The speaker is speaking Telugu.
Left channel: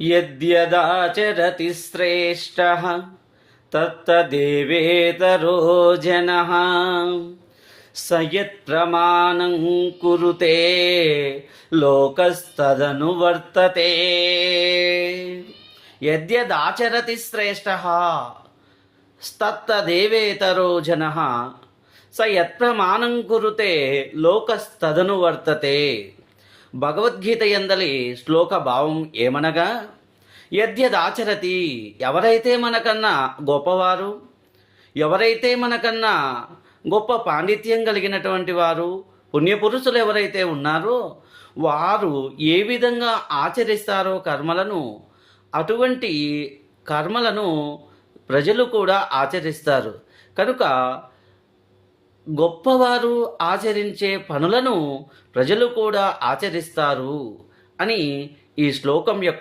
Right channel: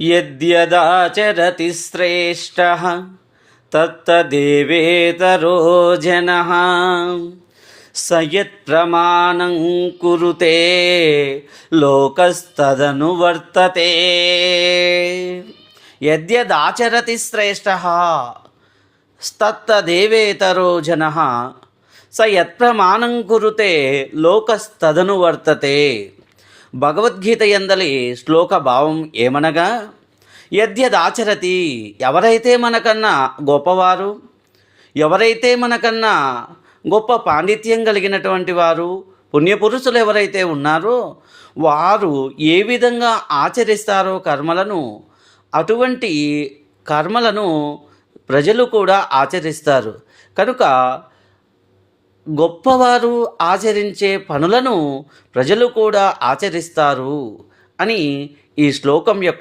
యద్యదాచరతి శ్రేష్టః తత్తదేవేతరో జనః స యత్ప్రమాణం కురుతే లోకస్తదను వర్తతే. యద్యదాచరతి శ్రేష్టః తత్తదేవేతరో జనః స యత్ప్రమాణం కురుతే లోకస్తదను వర్తతే. భగవద్గీత యందలి శ్లోక భావం ఏమనగా, యద్యదాచరతి, ఎవరైతే మనకన్నా గొప్పవారు, ఎవరైతే మనకన్నా గొప్ప పాండిత్యం కలిగినటువంటి వారు, పుణ్యపురుషులు ఎవరైతే ఉన్నారో వారు ఏ విధంగా ఆచరిస్తారో కర్మలను, అటువంటి కర్మలను ప్రజలు కూడా ఆచరిస్తారు. కనుక గొప్పవారు ఆచరించే పనులను ప్రజలు కూడా ఆచరిస్తారు అని ఈ శ్లోకం యొక్క